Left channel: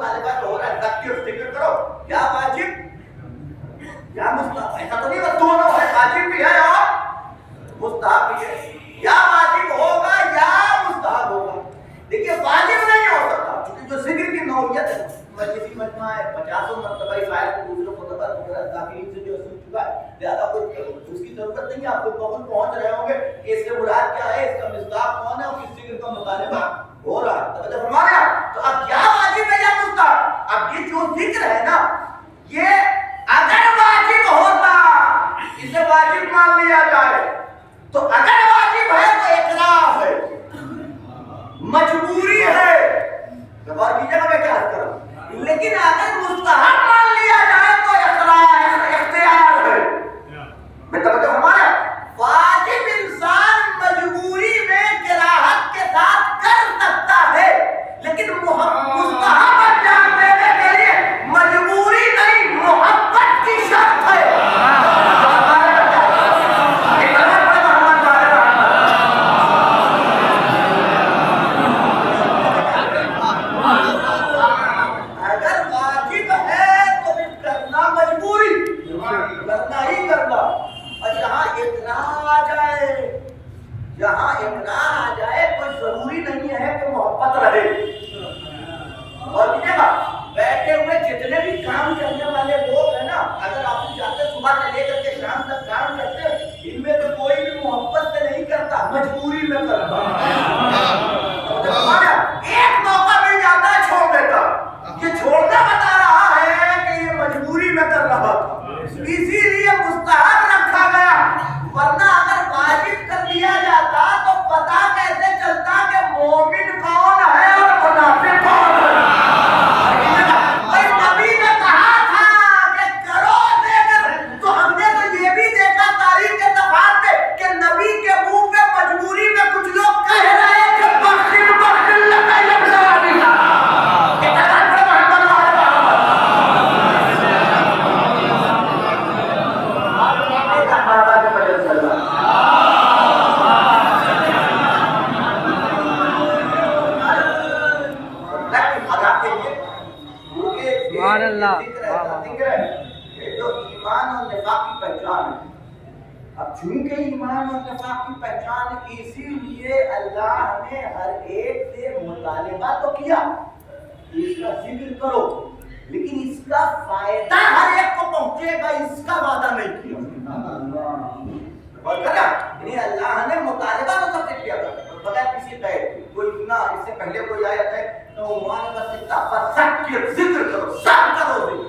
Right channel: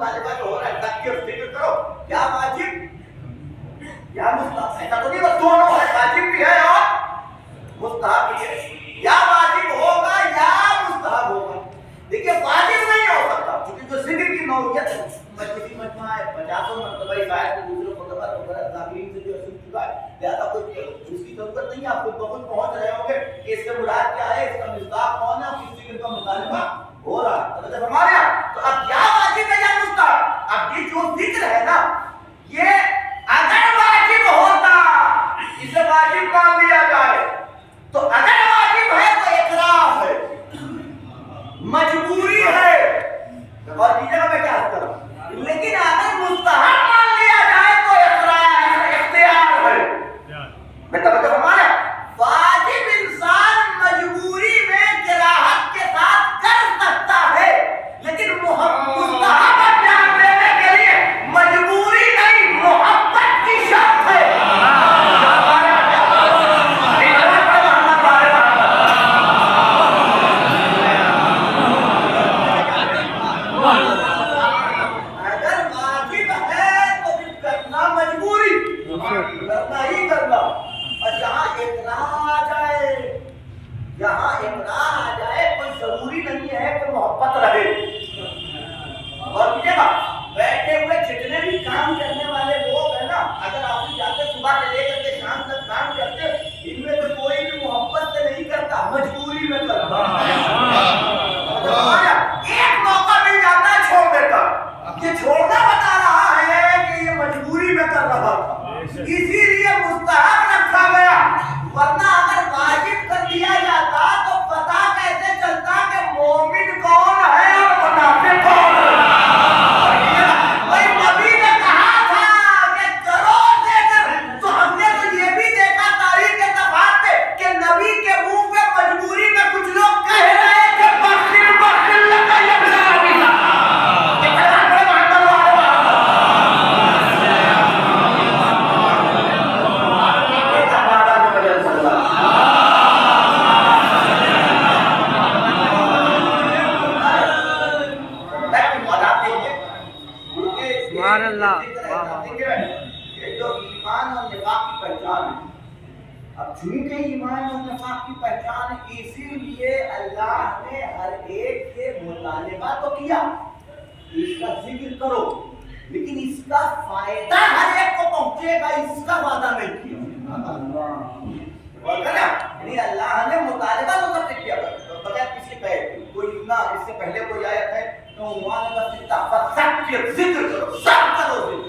مطالبہ جو ہو رہا ہے تذکر ذکر کرو، یا واجب یا مستحب، ایسا تو نہیں بس دونوں ہے، واجب بھی ہے اور مستحب بھی ہے، یا واجب ہوگا یا مستحب ہوگا. دیکھیے واجب نہیں ہو سکتا کیونکہ جو ذکر کی نوعیت ہے مجلسی مجمع ہے، 50 مرتبہ اس آیت کو دوسروں خطبات وغیرہ داخلین سے جو سن چکا ہے، لہٰذا کوئی اس کی ضرورت نہیں ہے. آپ کو بہت پہنچ رہے ہوں گے کہ اس کے مراد کیا ہے، اس کا مصداق کون ہے اور کس ذکر کا مطالبہ ہو رہا ہے. توجہ فرمایا. تو اب یا واجب ہے یا مستحب، اب یہ جو ذکر ہے نا یہ اگر واجب ہوتا اسے واجب مان لیا جائے، تو اگر واجب ہے تو اقرار ہے، مجبوری ہے. اور کیجیے گا میں کیا کر رہا ہوں، لیکن اگر مستحب مان لیا جائے تو اقرار ہے، اختیار ہے. میں توجہ فرمایا. واجب انسان مجبوری میں کراہت کے ساتھ کر سکتا ہے، لیکن مستحب انجام دینے کے لیے مجبوری نہیں، محبت کی شرط ہے. جہاں اقرار آ جائے کوئی ضروری نہیں ہے کہ محبت رہے. اور دیکھیے گا بیٹھے ہوئے جتنے بھی کام کرنے والے لوگ ہیں نا، اگر آپ جاتے صبح سے لے کر کے شام تک کام کرتے، ان میں تو کوئی بھی محبت سے نہیں کرتا، مجبوری میں کرتا. ایک موقع مل جاتا ہے چھوڑ دیتا، کہ چھوڑنا بتا رہا ہے کہ یہ مجبوری میں کر رہا تھا، اسی لیے مستحب رکھا گیا. ورنہ اگر واجب کر دیا جاتا تو پتہ کیسے چلتا کہ مومن کون ہے اور منافق کون ہے. بھائی نبی نے کہا تھا کہ کرو ذکر، تو ہم نے تو یہ بھی دیکھا تاریخ کے صفحات پہ کہ نبی کے منہ پہ مجبوری میں کچھ لوگ کہہ رہے کہ بخل بخل لگا یبلا بلا. چونکہ ایمان اور نفاق کی پہچان، اسی لیے اللہ نے ہر ایک سے مطالبہ تو کیا اس کا ذکر کرو، لیکن اس کا فائدہ ہر ایک کو پہنچے گا اس کا وعدہ نہیں کیا. اور کہنا یعنی اللہ نے مطالبہ تو سب سے کیا بغیر کسی کہے. کوئی نہ اس سے پہلے کوئی آیت ہے تو عنوان کا ذکر کرو، سب کرو ذکر.